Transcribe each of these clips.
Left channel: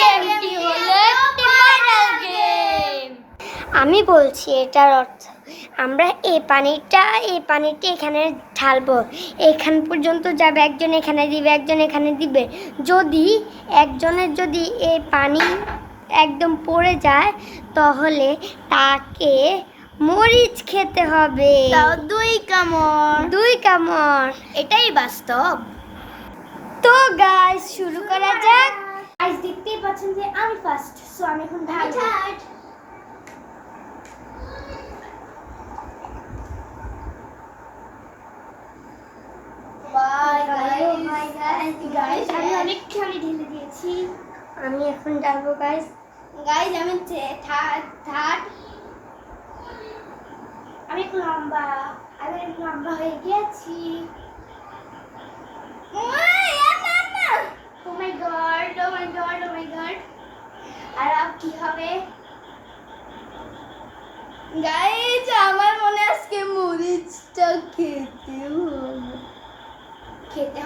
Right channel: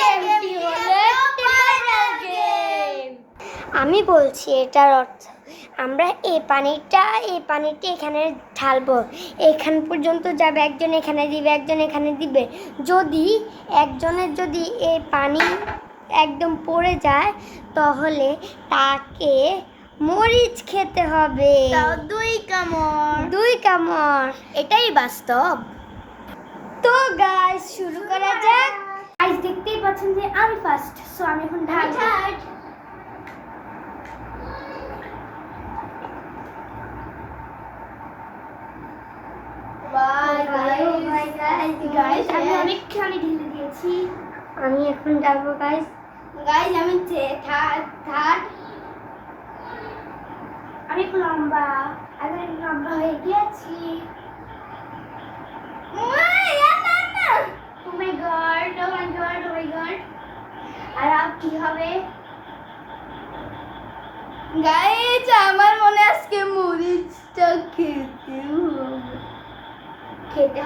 গেমটি হলো একটি ভাইরাল গেম। আমি বলছি এটার অর্থ, আমরা এই পানিটা এখানে ঢালবো, এখান পর্যন্ত যাবে, একজন এখানে দিবে, একজন এখানে দিবে। যদি একজনের যদি এই পানি একদম পড়ে যায় তাহলে তাকে মরিচ খেতে হবে, 2 কামড়। এটাই বাস্তব। তো গাইস শুরু করা যাক। গাইস দেখতেই পাচ্ছেন যে আমি ফার্স্ট, সো আমি এখন ঢালবো। গাইস আমি অনেকখানি ঢেলে দিয়েছি। আমি এখন ঢালবো গাইস। গাইস আমি থার্ড। আমি একটু লম্বা হয়ে গেছি। ও মাই গড। আর আপ কি হবে? গাইস আমার মনে আজকে মরিচটা খেতে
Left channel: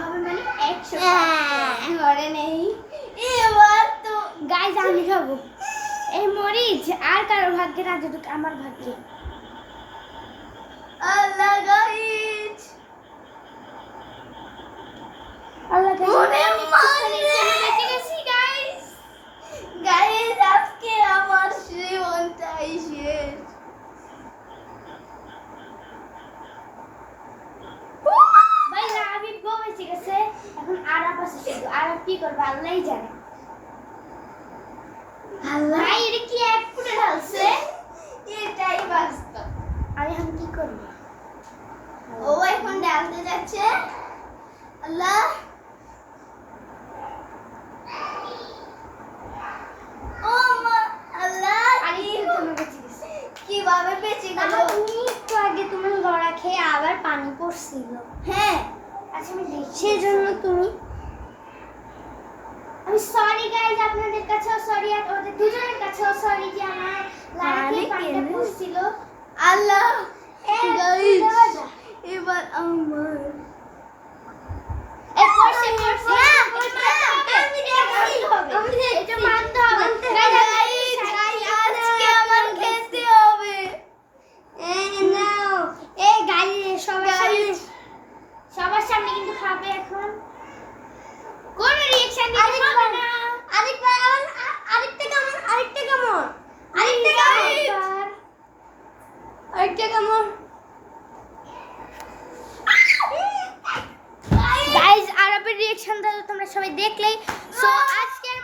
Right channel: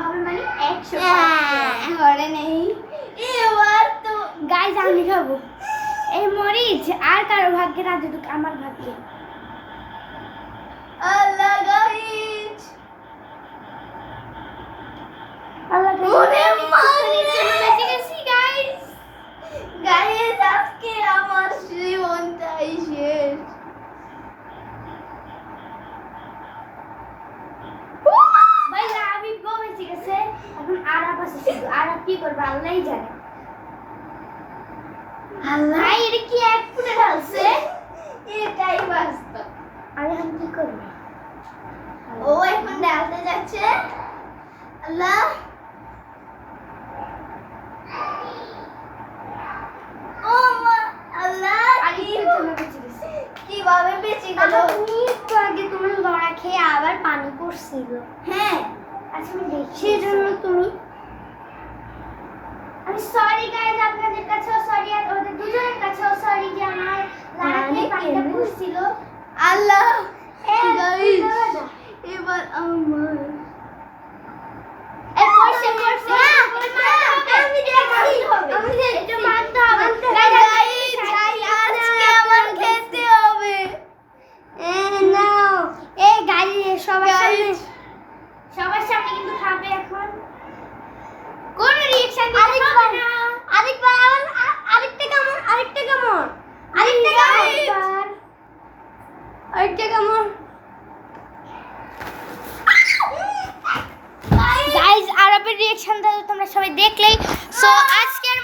হবে মানে 100 ঘরে নেই। এবার তো গাইস আমি খাবো এই মরিচ, আর কারো ভাগ্যে না যেটুকু আমার ভাগ্যে। আল্লাহ গাইস, গাইস আজকে আমার জীবনটাই শেষ। ভাই আমি বেঁচে গেছে, এখন আরাপ আছে শুধু। আরাপ কি করবে আল্লাহই জানে। আল্লাহ এটা কি এক ফুটে ঢালছে? এটাই বাস্তব। আমি এখন কি করব? ও এখন ঢালতে যাচ্ছে। আল্লাহ ও মা, আল্লাহ কিভাবে বেঁচে গেল? একটু আগে তুমি লড়া খেয়ে আবার পানি পড়ছিল। হ্যাঁ আচ্ছা আমি দেখছি। সেই জন্য তুমি আমি সরি গাইস, আপনাদের কাছেও সরি, আর ওদের দুজনের কাছেও সরি যে আমার লাইফে পানিটা পড়ছিল। আল্লাহ গাইস এবার আমার সবার সামনে কিন্তু খাবে এখন। কোন রিঅ্যাকশন দিতে হবে না। আরেকটা কামড়। গাইস আরবের রিঅ্যাকশন তোমরা সবাই দেখলেই। সো আজকের